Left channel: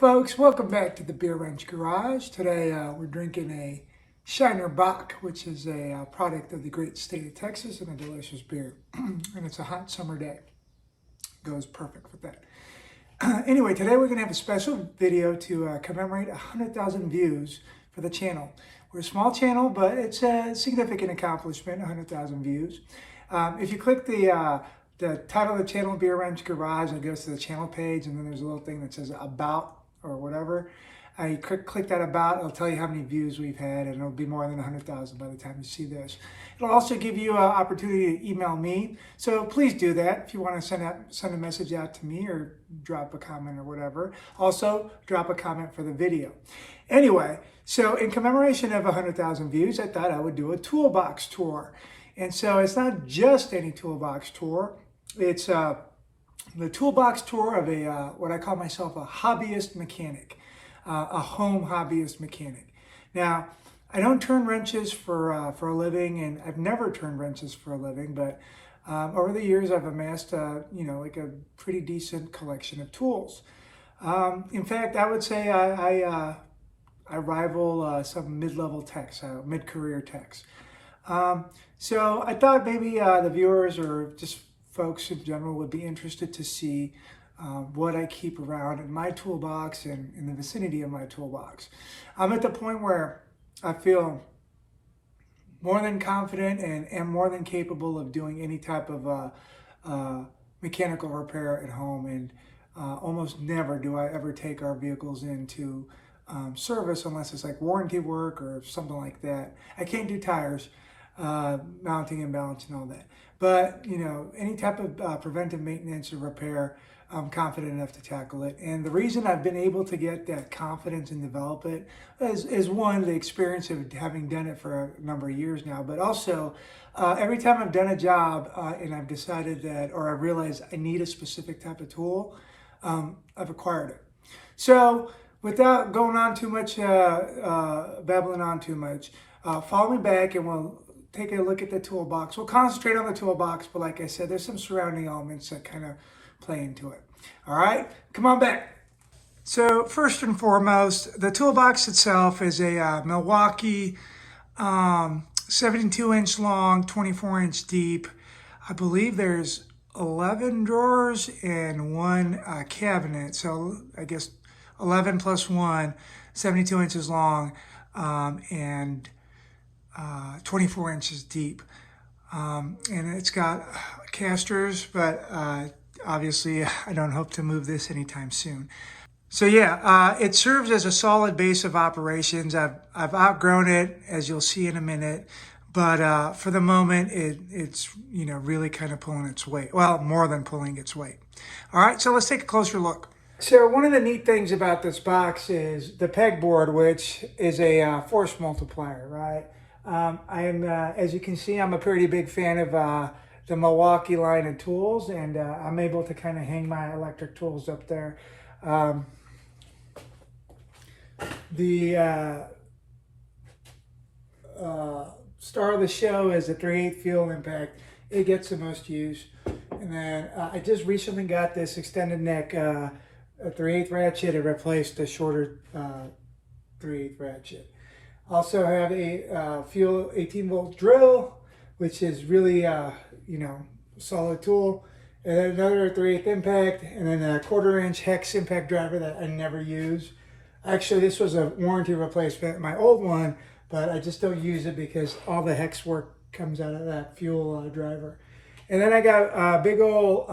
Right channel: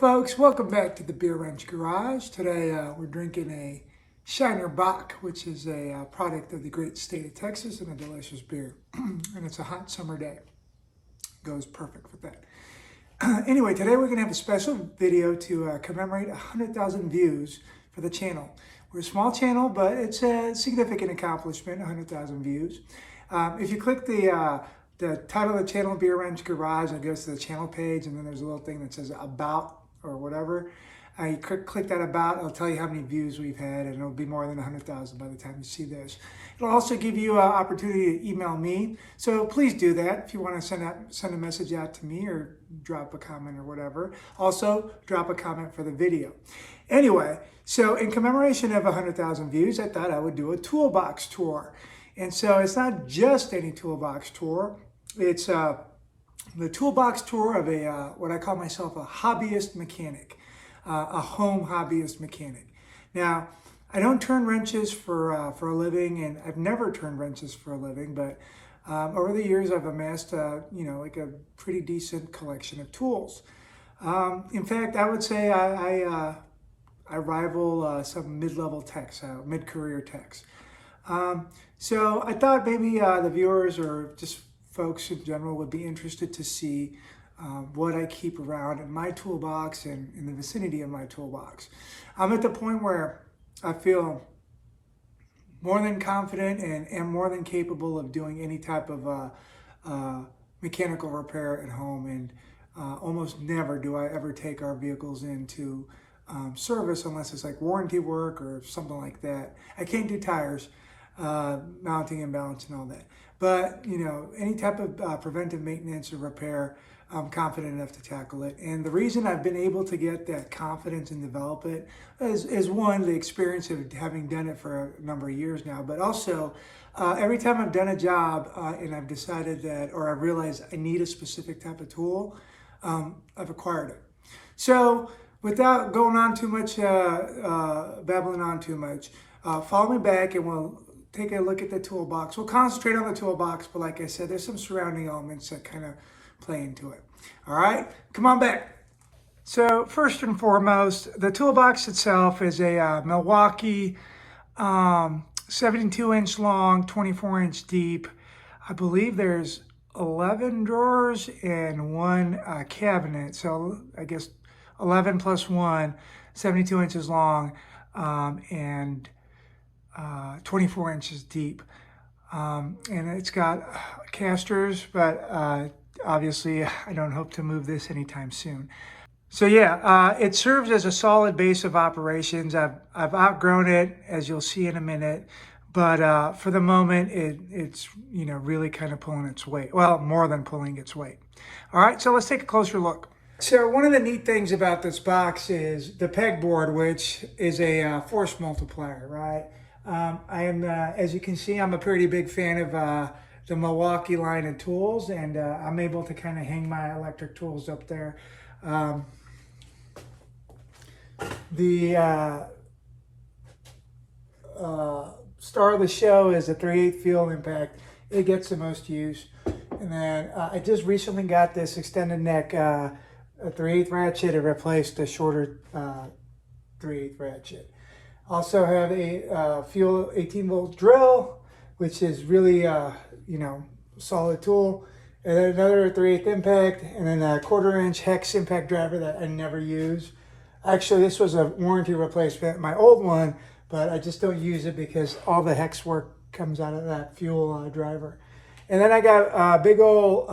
folks, welcome back to the Beer Wrench Garage. Today we're drinking a Shiner Bock, which is a product of the great state of Texas and a delicious beer. And it's a hot summer day. Goes perfect with that. Anyway, today we're going to have a special video to commemorate 100,000 views for the channel. We're a small channel, but it's a significant accomplishment, 100,000 views. If you click the title of the channel, Beer Wrench Garage, it goes to the channel page, and then there's a little thing that says About or whatever. You click that About, it'll tell you how many views we've had, and it'll be more than 100,000 by the time you see this. It'll also give you an opportunity to email me, so please do that if you want to send a message out to me or drop a comment or whatever. Also, drop a comment for the video. Anyway, so in commemoration of 100,000 views, I thought I would do a toolbox tour. And so it's not just any toolbox tour. It's the toolbox tour of what I call myself a hobbyist mechanic, a home hobbyist mechanic. Now, I don't turn wrenches for a living, and I've never turned wrenches for a living, but over the years I've amassed like a pretty decent collection of tools. In fact, I would say I rival some mid-level techs, mid-career techs. So I thought maybe the viewers or just folks in general would be interested to see what I keep around in my toolbox and in the vicinity of my toolbox. I'm at the point where I feel more than confident and am more than capable of doing any type of mechanical repair at home, and almost never do I ever take our vehicles into service unless it's like warranty work or something like that. I can't do tires, mounting and balancing and all that. But, any type of preventive maintenance or repair, I'm confident enough to tackle it. And the reason I've been able to get that confidence and develop it is one, the experience of having done it for a number of years now, but also every time I've done a job and I've decided that, or I've realized I need a specific type of tool, I've acquired it. So without going on too much, babbling on too much, follow me back and we'll take a look at the toolbox. We'll concentrate on the toolbox, but like I said, there's some surrounding elements that kind of play into it. All right, come on back. So first and foremost, the toolbox itself is a Milwaukee 72-inch long, 24-inch deep. I believe there's 11 drawers and one cabinet. So I guess 11 plus 1, 72 inches long, and 24 inches deep. And it's got casters, but obviously I don't hope to move this anytime soon. So yeah, it serves as a solid base of operations. I've outgrown it, as you'll see in a minute, but for the moment it's really kind of pulling its weight. Well, more than pulling its weight. All right, so let's take a closer look. So one of the neat things about this box is the pegboard, which is a force multiplier, right? I am, as you can see, I'm a pretty big fan of the Milwaukee line of tools, and I'm able to kind of hang my electric tools up there. The star of the show is a 3/8 field impact. It gets the most use. And then I just recently got this extended neck a 3/8 ratchet to replace the shorter 3/8 ratchet. Also have a fuel 18-volt drill, which is really solid tool. And then another 3/8 impact, and then a 1/4-inch hex impact driver that I never use. Actually, this was a warranty replacement, my old one, but I just don't use it because all the hex work comes out of that fuel driver. And then I got a big old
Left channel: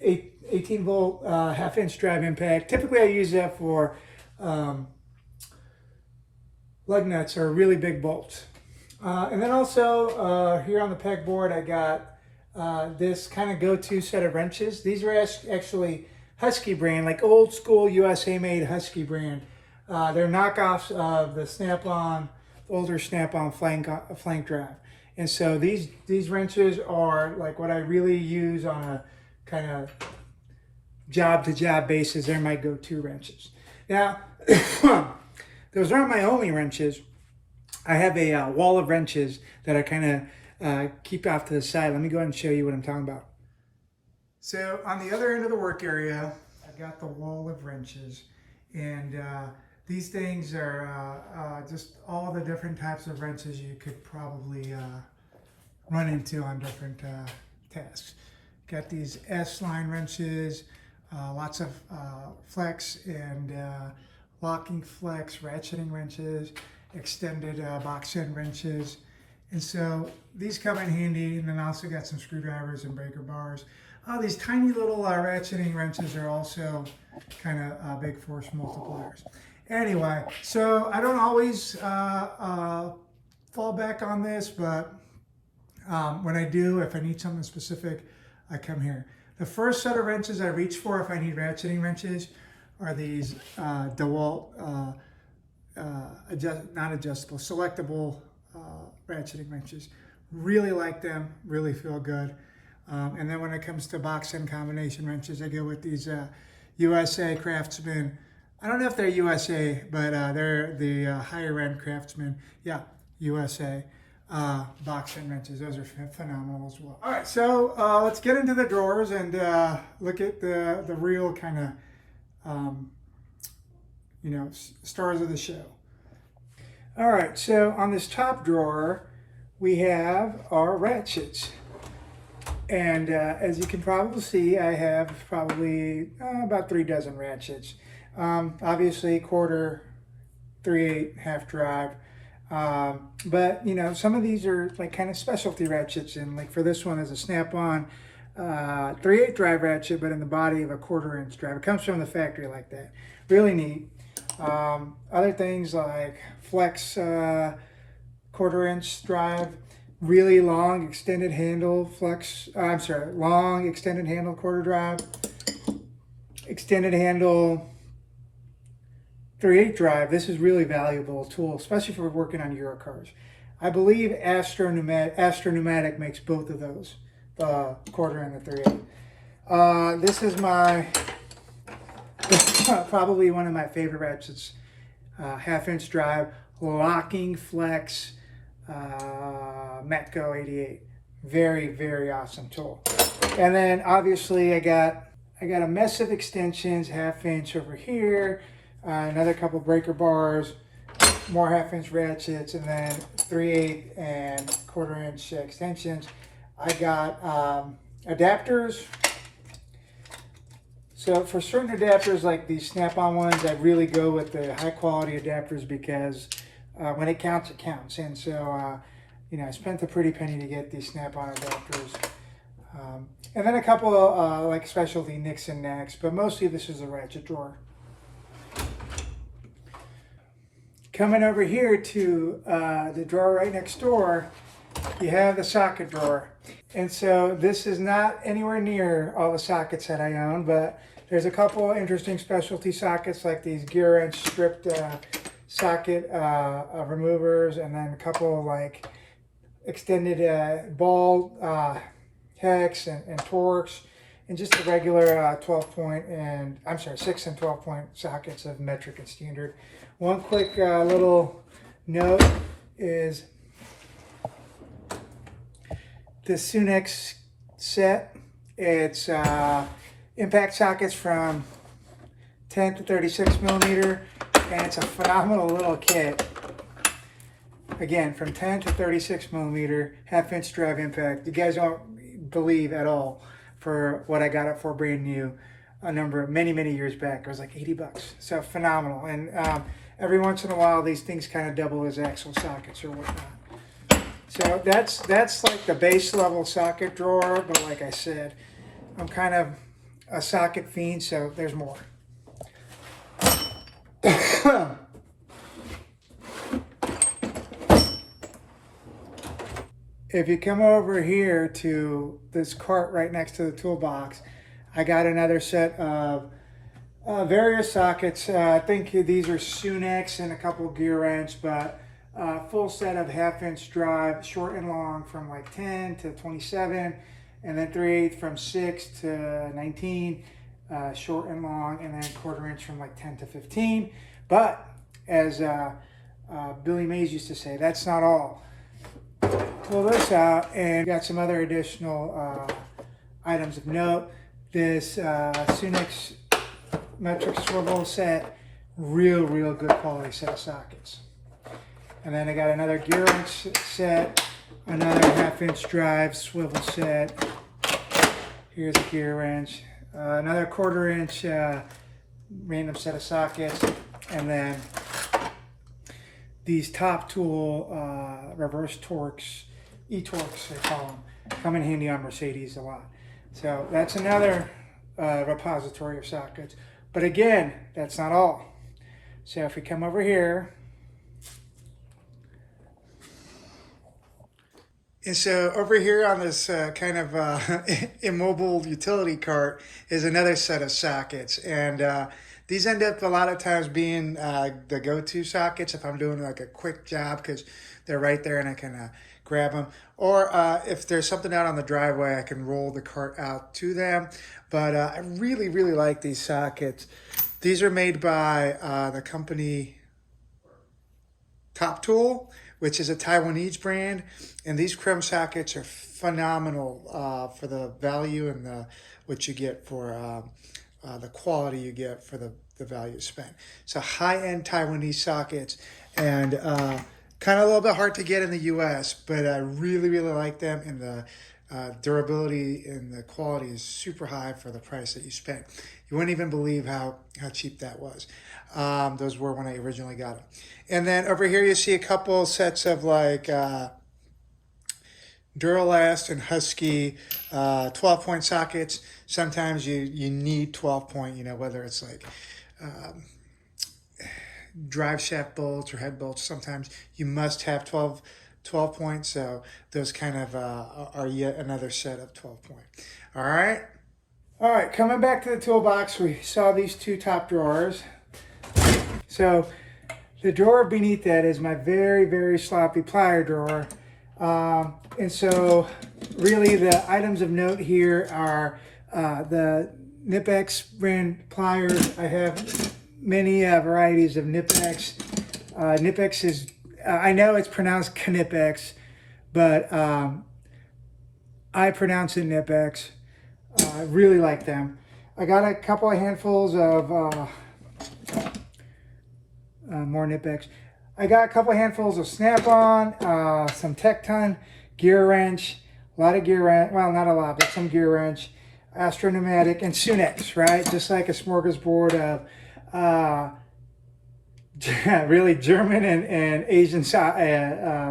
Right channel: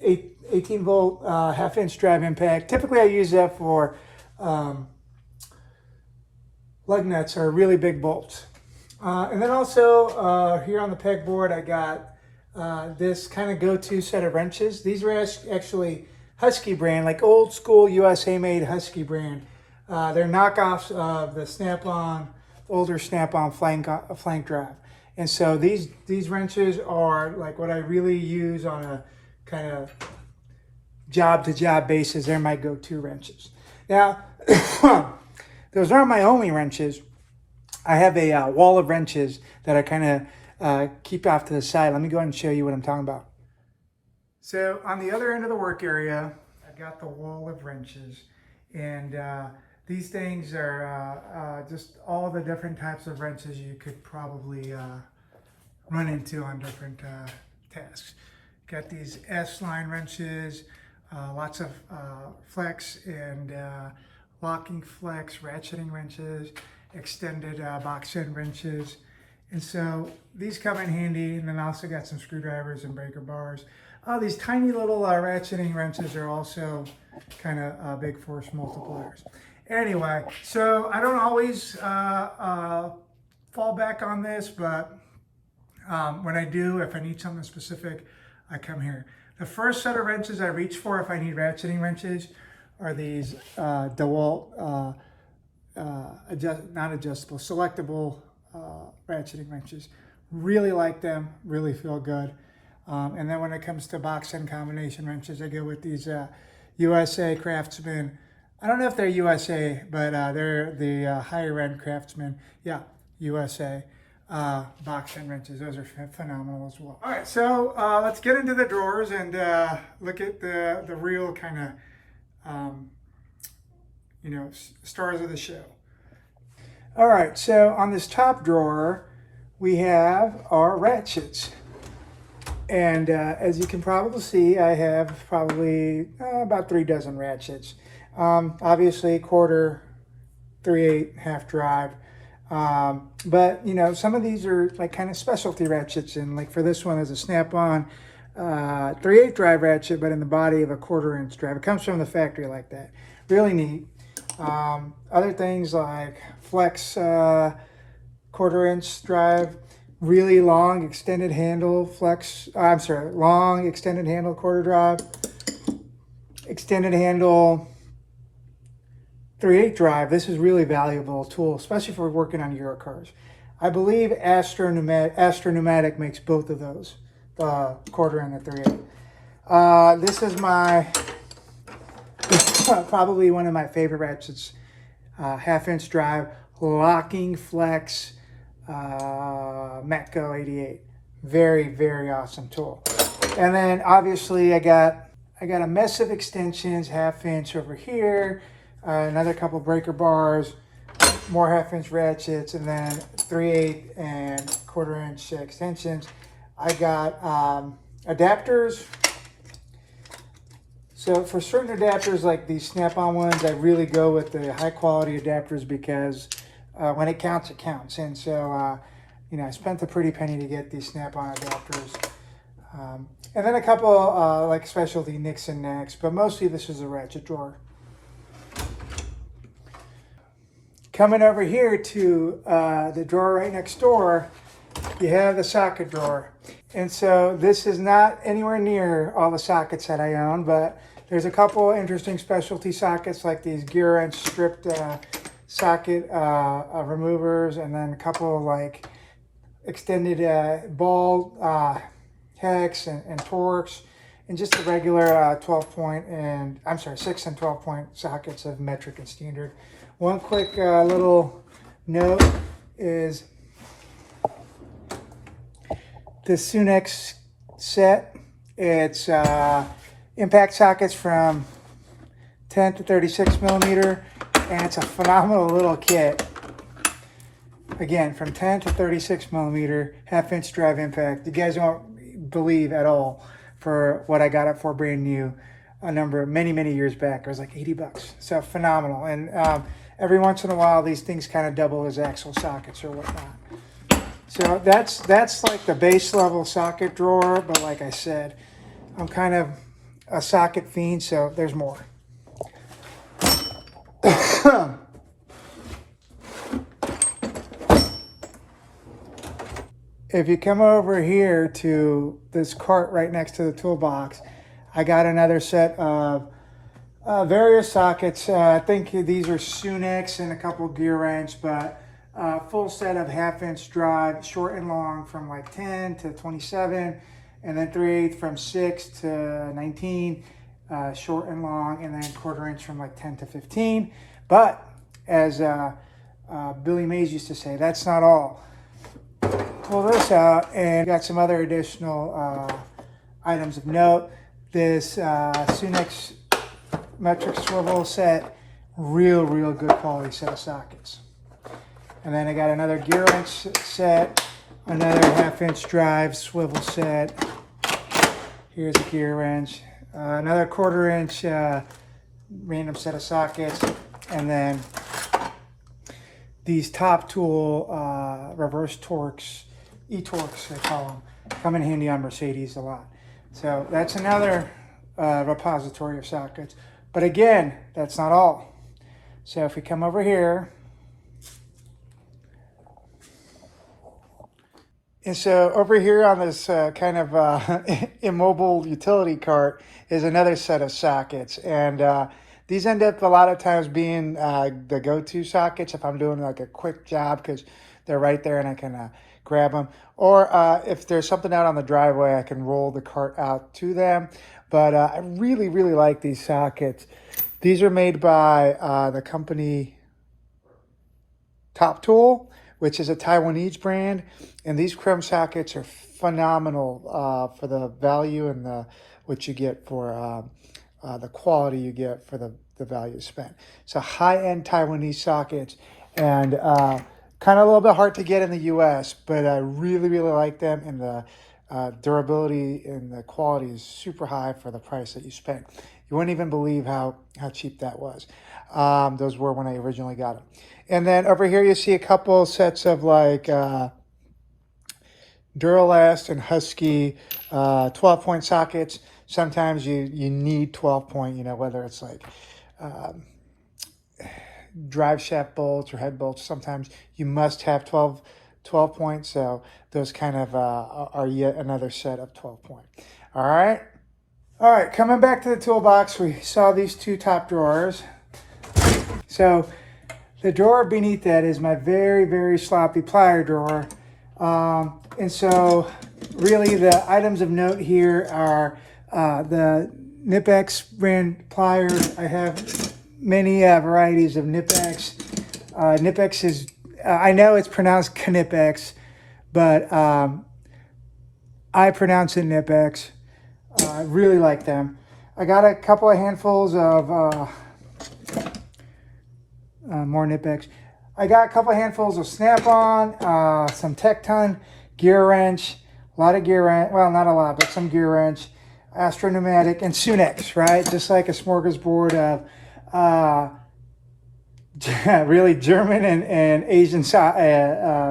18-volt half-inch drive impact. Typically, I use that for lug nuts or really big bolts. And then also here on the pegboard, I got this kind of go-to set of wrenches. These are actually Husky brand, like old school USA made Husky brand. They're knockoffs of the Snap-on, older Snap-on flank drive. And so these wrenches are like what I really use on a kind of job-to-job basis. They're my go-to wrenches. Now, those aren't my only wrenches. I have a wall of wrenches that I kind of keep off to the side. Let me go ahead and show you what I'm talking about. So on the other end of the work area, I got the wall of wrenches, and these things are just all the different types of wrenches you could probably run into on different tasks. Got these S-line wrenches, lots of flex and locking flex, ratcheting wrenches, extended box end wrenches. And so these come in handy, and then I also got some screwdrivers and breaker bars. These tiny little ratcheting wrenches are also kind of big force multipliers. Anyway, so I don't always fall back on this, but when I do, if I need something specific, I come here. The first set of wrenches I reach for if I need ratcheting wrenches are these DeWalt non-adjustable, selectable ratcheting wrenches. Really like them, really feel good. And then when it comes to box end combination wrenches, I go with these USA Craftsman. I don't know if they're USA, but they're the higher end Craftsman. Yeah, USA box end wrenches. Those are phenomenal as well. All right, so let's get into the drawers and look at the real kind of stars of the show. All right, so on this top drawer, we have our ratchets. And as you can probably see, I have probably about 3 dozen ratchets. Obviously, quarter, 3/8, half drive. But, some of these are like kind of specialty ratchets. And like for this one, there's a snap-on 3/8 drive ratchet, but in the body of a 1/4 inch drive. It comes from the factory like that. Really neat. Other things like flex 1/4 inch drive, really long extended handle long extended handle quarter drive, extended handle 3/8 drive. This is really valuable tool, especially for working on Euro cars. I believe Astra Pneumatic makes both of those, the 1/4 and the 3/8. This is probably one of my favorite ratchets, 1/2 inch drive, locking flex Metco 88. Very, very awesome tool. And then obviously I got a mess of extensions, 1/2 inch over here, another couple breaker bars, more 1/2 inch ratchets, and then 3/8 and 1/4 inch extensions. I got adapters. So for certain adapters like these snap-on ones, I really go with the high quality adapters because when it counts, it counts. And so, I spent a pretty penny to get these snap-on adapters. And then a couple like specialty nicks and knacks, but mostly this is a ratchet drawer. Coming over here to the drawer right next door, you have the socket drawer. And so this is not anywhere near all the sockets that I own, but there's a couple interesting specialty sockets like these gear wrench stripped socket removers, and then a couple like extended ball hex and Torx, and just a regular 6 and 12 point sockets of metric and standard. One quick little note is the Sunex set. It's impact sockets from 10 to 36 millimeter, and it's a phenomenal little kit. Again, from 10 to 36 millimeter, 1/2 inch drive impact. You guys won't believe at all for what I got it for brand new many years back. It was like 80 bucks. So phenomenal. And every once in a while, these things kind of double as axle sockets or whatnot. So that's like the base level socket drawer, but like I said, I'm kind of a socket fiend, so there's more. If you come over here to this cart right next to the toolbox, I got another set of various sockets. I think these are Sunex and a couple gear wrench, but full set of 1/2 inch drive, short and long from like 10 to 27, and then 3/8 from 6 to 19, short and long, and then 1/4 inch from like 10 to 15. But as Billy Mays used to say, that's not all. Pull this out and got some other additional items of note. This Sunex metric swivel set. Real good quality set of sockets. And then I got another gear wrench set, another 1/2-inch drive swivel set. Here's a gear wrench, another 1/4-inch random set of sockets, and then these top tool reverse Torx, e-Torx they call them, come in handy on Mercedes a lot. So that's another repository of sockets. But again, that's not all. So if we come over here, and so over here on this kind of immobile utility cart is another set of sockets. And these end up a lot of times being the go-to sockets if I'm doing like a quick job, because they're right there and I can grab them. Or if there's something out on the driveway, I can roll the cart out to them. But I really like these sockets. These are made by the company Top Tool, which is a Taiwanese brand. And these chrome sockets are phenomenal for the value and what you get for the quality you get for the value spent. So high-end Taiwanese sockets, and kind of a little bit hard to get in the US, but I really like them, and the durability and the quality is super high for the price that you spent. You wouldn't even believe how cheap that was. Those were when I originally got them. And then over here you see a couple sets of like Duralast and Husky 12-point sockets. Sometimes you need 12-point, you know, whether it's like drive shaft bolts or head bolts. Sometimes you must have 12 points. So those kind of are yet another set of 12-point. All right, coming back to the toolbox, we saw these two top drawers. So the drawer beneath that is my very sloppy plier drawer. And so really the items of note here are the Knipex brand pliers. I have many varieties of Knipex. Knipex is, I know it's pronounced Knipex, but I pronounce it Knipex. I really like them. I got a couple of handfuls of more Knipex. I got a couple of handfuls of Snap-on, some Tecton, gear wrench, a lot of gear wrench, well, not a lot, but some gear wrench, Astro Pneumatic, and Sunex, right? Just like a smorgasbord of really German and Asian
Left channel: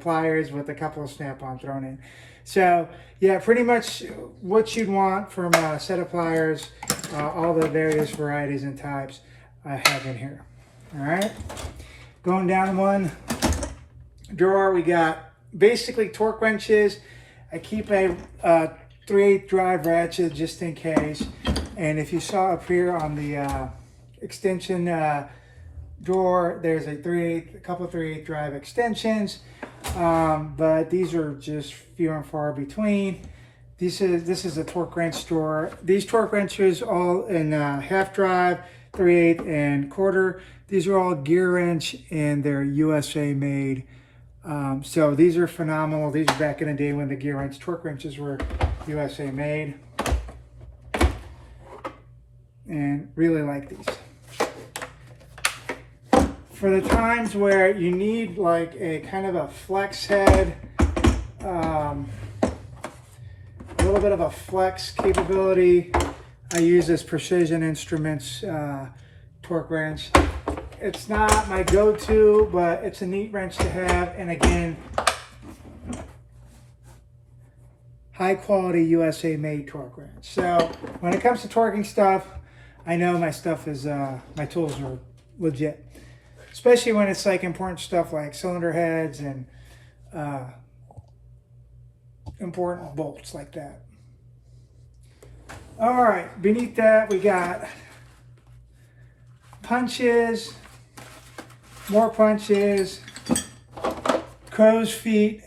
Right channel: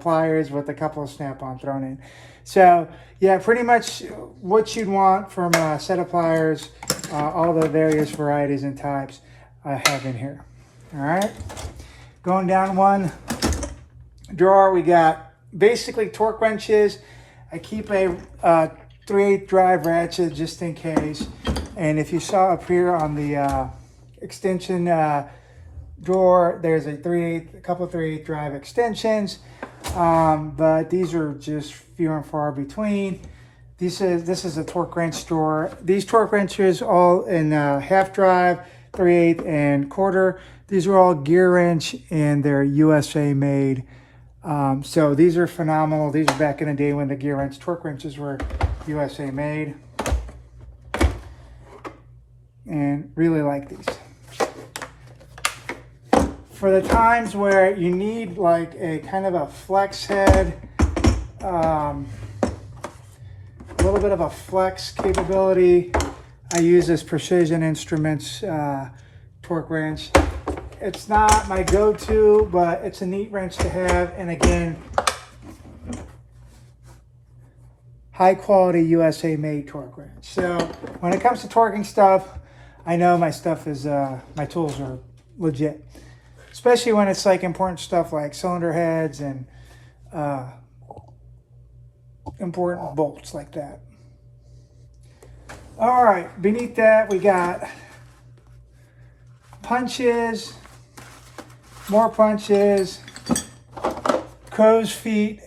pliers with a couple of Snap-on thrown in. So yeah, pretty much what you'd want from a set of pliers, all the various varieties and types I have in here. All right, going down one drawer, we got basically torque wrenches. I keep a 3/8 drive ratchet just in case. And if you saw up here on the extension drawer, there's a couple 3/8 drive extensions. But these are just few and far between. This is a torque wrench drawer. These torque wrenches all in half drive, 3/8 and 1/4. These are all gear wrench and they're USA made. So these are phenomenal. These are back in the day when the gear wrench torque wrenches were USA made. And really like these. For the times where you need like a kind of a flex head, a little bit of a flex capability, I use this Precision Instruments torque wrench. It's not my go-to, but it's a neat wrench to have. And again, high quality USA made torque wrench. So when it comes to torquing stuff, I know my stuff is, my tools are legit. Especially when it's like important stuff like cylinder heads and important bolts like that. All right, beneath that we got punches, more punches, crow's feet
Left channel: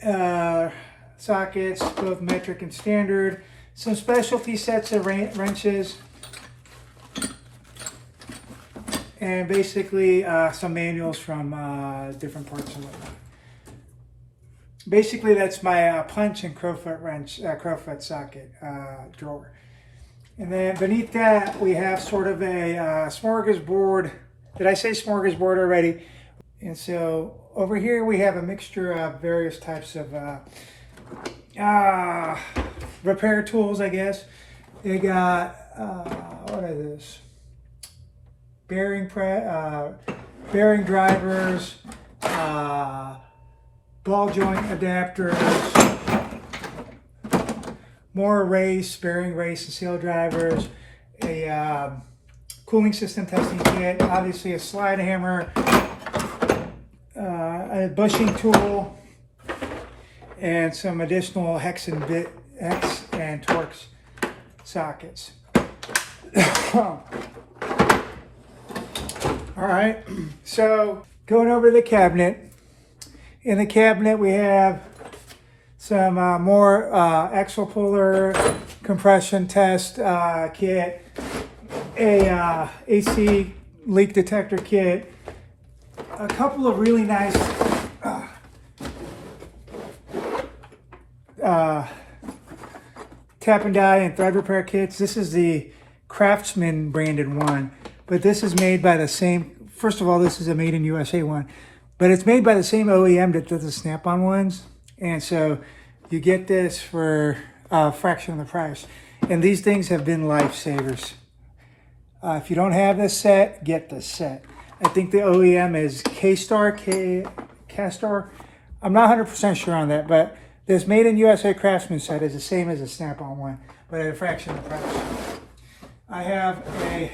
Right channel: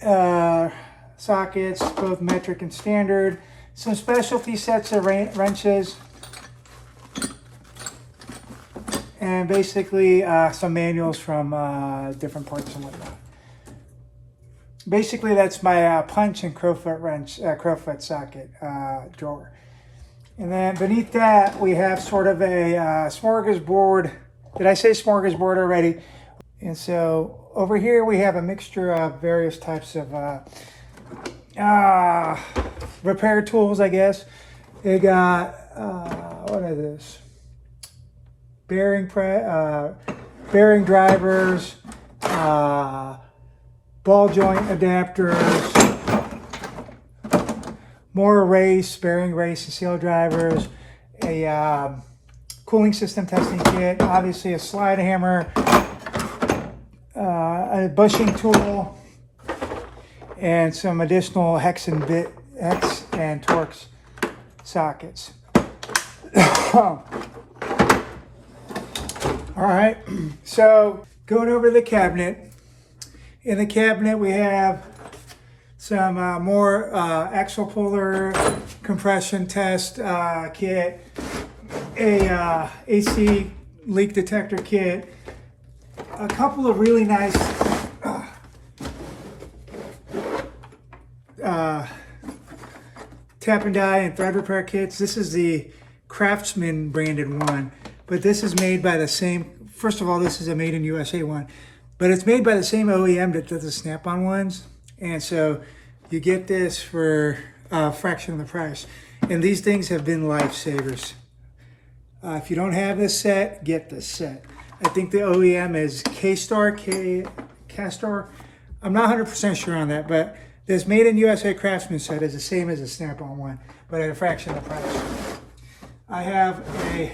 sockets, both metric and standard, some specialty sets of wrenches, and basically some manuals from different parts of the world. Basically, that's my punch and crowfoot wrench, crowfoot socket drawer. And then beneath that, we have sort of a smorgasbord. Did I say smorgasbord already? And so over here we have a mixture of various types of repair tools, I guess. They got, what is this? Bearing drivers, ball joint adapters, more bearing race and seal drivers, a cooling system testing kit, obviously a slide hammer, a bushing tool, and some additional hex and Torx sockets. All right, so going over the cabinet. In the cabinet we have some more axle puller compression test kit, a AC leak detector kit, a couple of really nice tap and die and thread repair kits. This is the Craftsman branded one, but this is made by the same, first of all, this is a made in USA one, but it's made by the same OEM that does the Snap-on ones. And so you get this for a fraction of the price. And these things have been lifesavers. If you don't have this set, get this set. I think the OEM is Castor. I'm not 100% sure on that, but this Made in USA Craftsman set is the same as a Snap-on one, but at a fraction of the price. I have a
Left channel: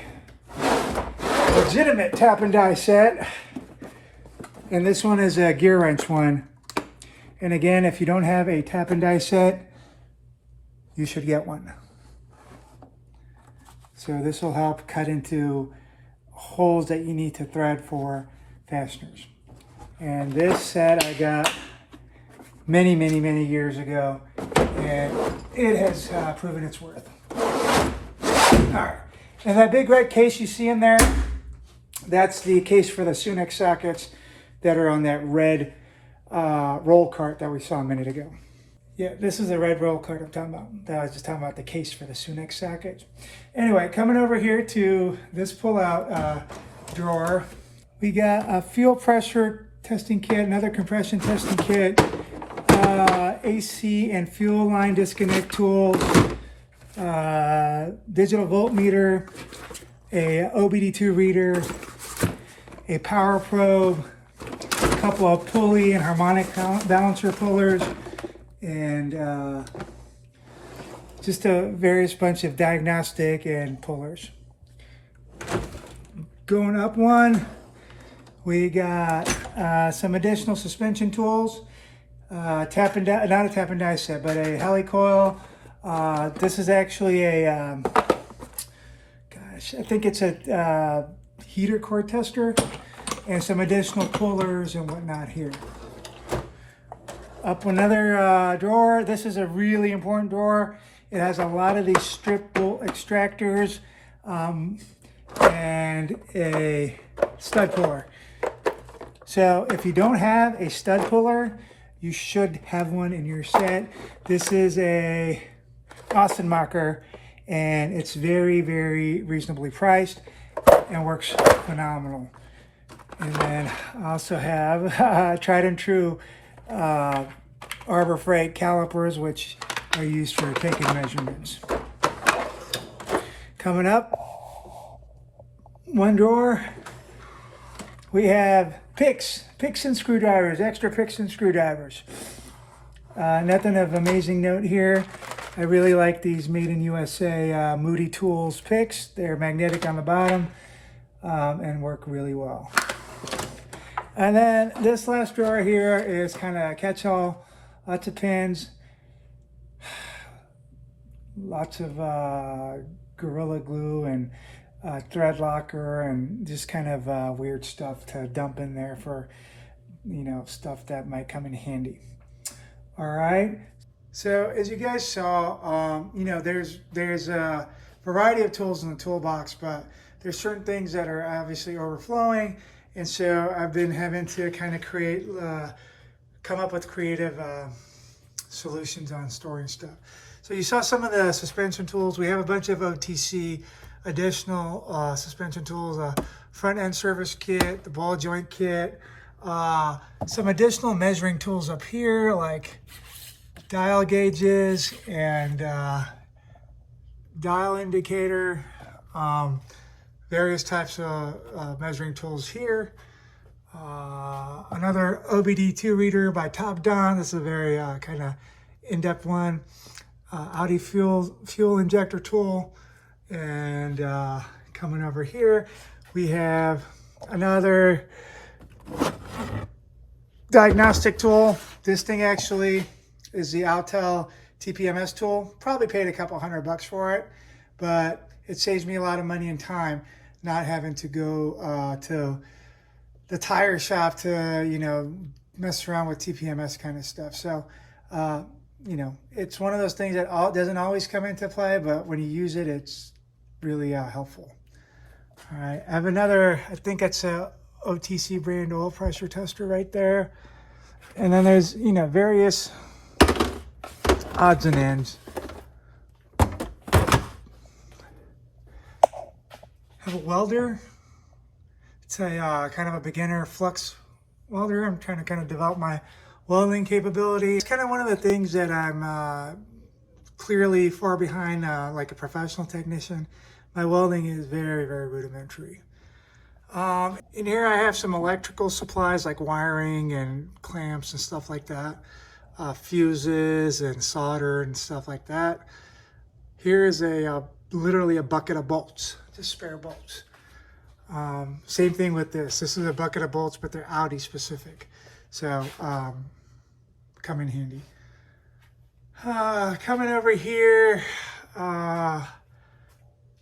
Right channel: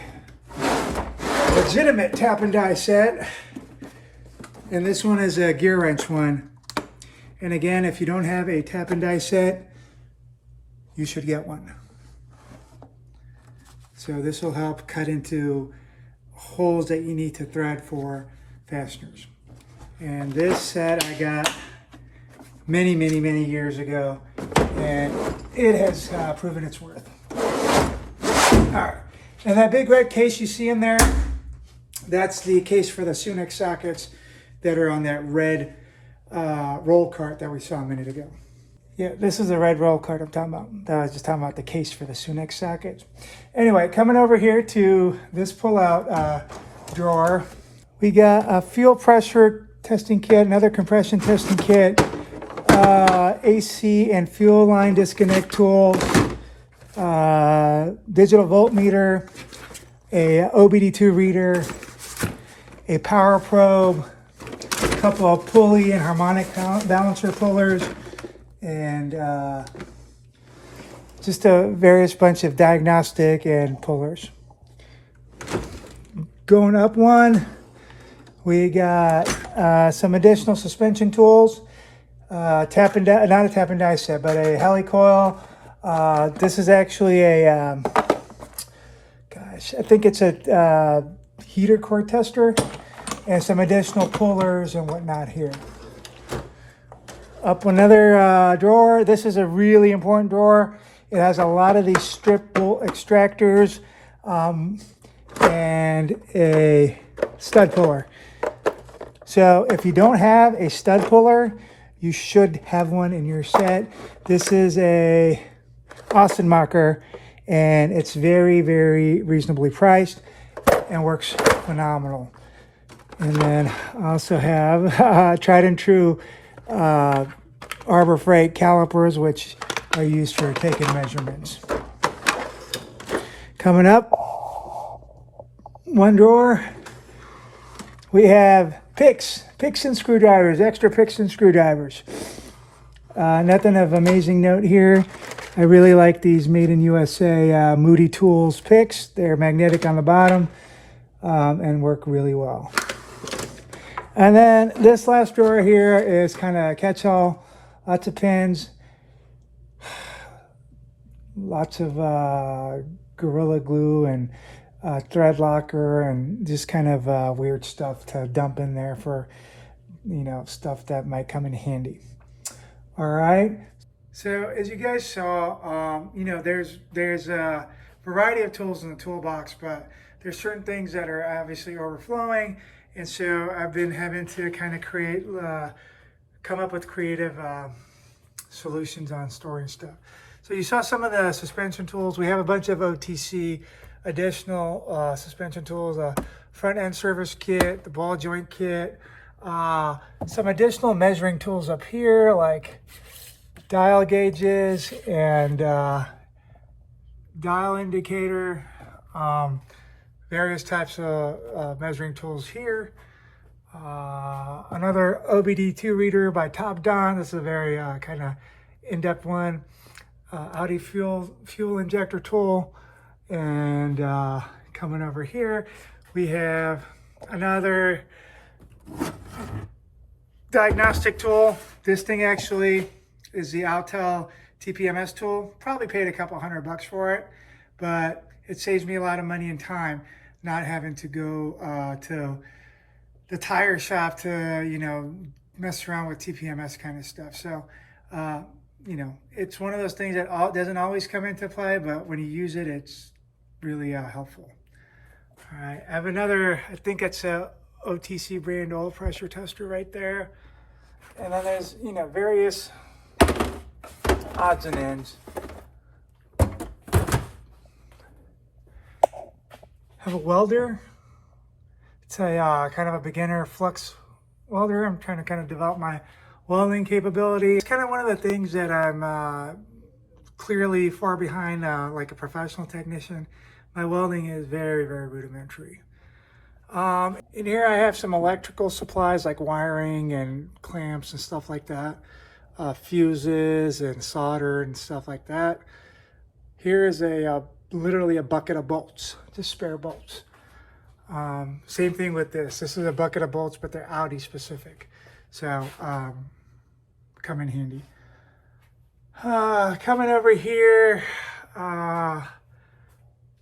legitimate tap and die set, and this one is a gear wrench one. And again, if you don't have a tap and die set, you should get one. So this will help cut into holes that you need to thread for fasteners. And this set I got many, many, many years ago, and it has proven its worth. All right, and that big red case you see in there, that's the case for the Sunex sockets that are on that red roll cart that we saw a minute ago. Yeah, this is the red roll cart I'm talking about. I was just talking about the case for the Sunex sockets. Anyway, coming over here to this pull-out drawer, we got a fuel pressure testing kit, another compression testing kit, AC and fuel line disconnect tools, digital voltmeter, a OBD2 reader, a power probe, a couple of pulley and harmonic balancer pullers, and just a various bunch of diagnostic and pullers. Going up one, we got some additional suspension tools, tap and die, not a tap and die set, but a helicoil. This is actually a, I think it's a heater core tester, and some additional pullers and whatnot here. Up another drawer. This is a really important drawer. It has a lot of these strip bolt extractors and a stud puller. So if you don't have a stud puller, you should have one in your set. This is a Austenmacher, and it's very, very reasonably priced and works phenomenal. And then I also have tried and true Arbor Freight calipers, which are used for taking measurements. Coming up, one drawer, we have picks and screwdrivers, extra picks and screwdrivers. Nothing of amazing note here. I really like these Made in USA Moody Tools picks. They're magnetic on the bottom and work really well. And then this last drawer here is kind of a catch-all. Lots of pins, lots of Gorilla Glue and thread locker, and just kind of weird stuff to dump in there for, you know, stuff that might come in handy. All right. So as you guys saw, you know, there's a variety of tools in the toolbox, but there's certain things that are obviously overflowing. And so I've been having to kind of come up with creative solutions on storing stuff. So you saw some of the suspension tools. We have a bunch of OTC additional suspension tools, a front end service kit, the ball joint kit, some additional measuring tools up here like dial gauges and dial indicator, various types of measuring tools here. Another OBD2 reader by Top Don. This is a very kind of in-depth one. Audi fuel injector tool. And coming over here, we have another diagnostic tool. This thing actually is the Autel TPMS tool. Probably paid a couple $100 for it, but it saves me a lot of money and time not having to go to the tire shop to, you know, mess around with TPMS kind of stuff. So, you know, it's one of those things that doesn't always come into play, but when you use it, it's really helpful. All right, I have another, I think it's a OTC brand oil pressure tester right there. And then there's, you know, various odds and ends. Have a welder. It's a kind of a beginner flux welder. I'm trying to kind of develop my welding capability. It's kind of one of the things that I'm clearly far behind like a professional technician. My welding is very, very rudimentary. In here I have some electrical supplies like wiring and clamps and stuff like that. Fuses and solder and stuff like that. Here is literally a bucket of bolts, just spare bolts. Same thing with this. This is a bucket of bolts, but they're Audi specific. So come in handy. Coming over here,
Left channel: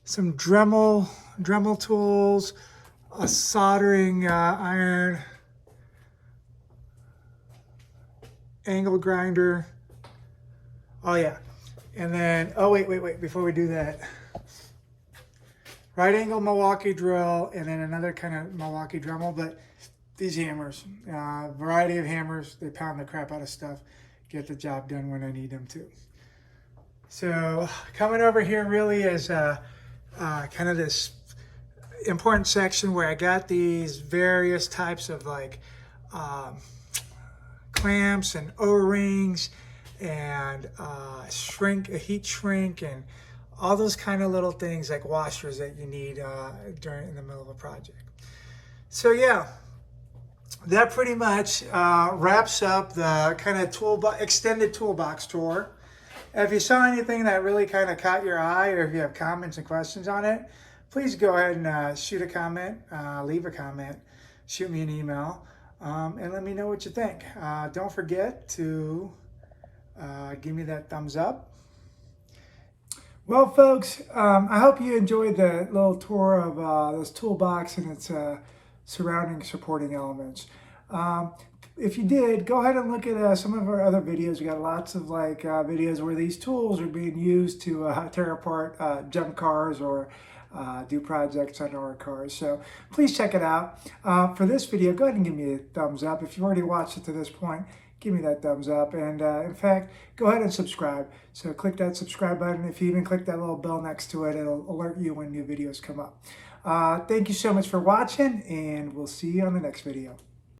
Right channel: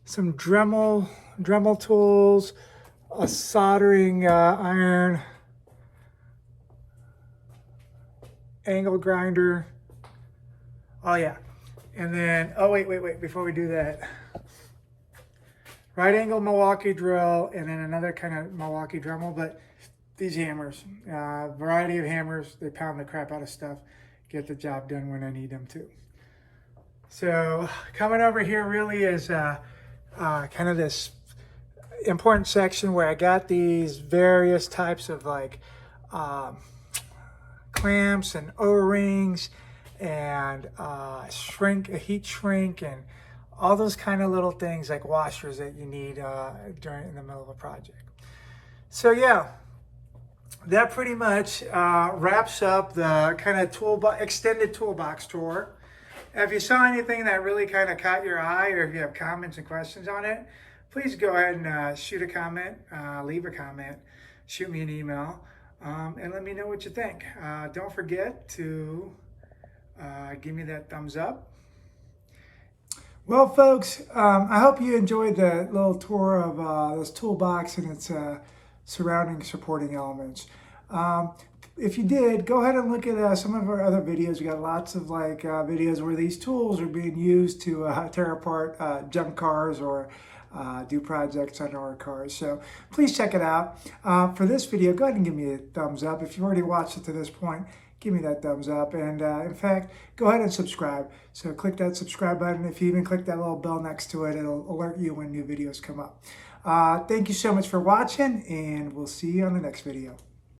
some Dremel tools, a soldering iron, angle grinder. Oh yeah, and then, oh wait, before we do that, right angle Milwaukee drill, and then another kind of Milwaukee Dremel, but these hammers, variety of hammers, they pound the crap out of stuff, get the job done when I need them to. So coming over here really is kind of this important section where I got these various types of like clamps and O-rings and heat shrink and all those kind of little things like washers that you need in the middle of a project. So yeah, that pretty much wraps up the kind of extended toolbox tour. If you saw anything that really kind of caught your eye, or if you have comments and questions on it, please go ahead and shoot a comment, leave a comment, shoot me an email, and let me know what you think. Don't forget to give me that thumbs up. Well, folks, I hope you enjoyed the little tour of this toolbox and its surrounding supporting elements. If you did, go ahead and look at some of our other videos. We got lots of like videos where these tools are being used to tear apart junk cars or do projects on our cars. So please check it out. For this video, go ahead and give me a thumbs up. If you've already watched it to this point, give me that thumbs up. And in fact, go ahead and subscribe. So click that subscribe button. If you even click that little bell next to it, it'll alert you when new videos come up. Thank you so much for watching, and we'll see you on the next video.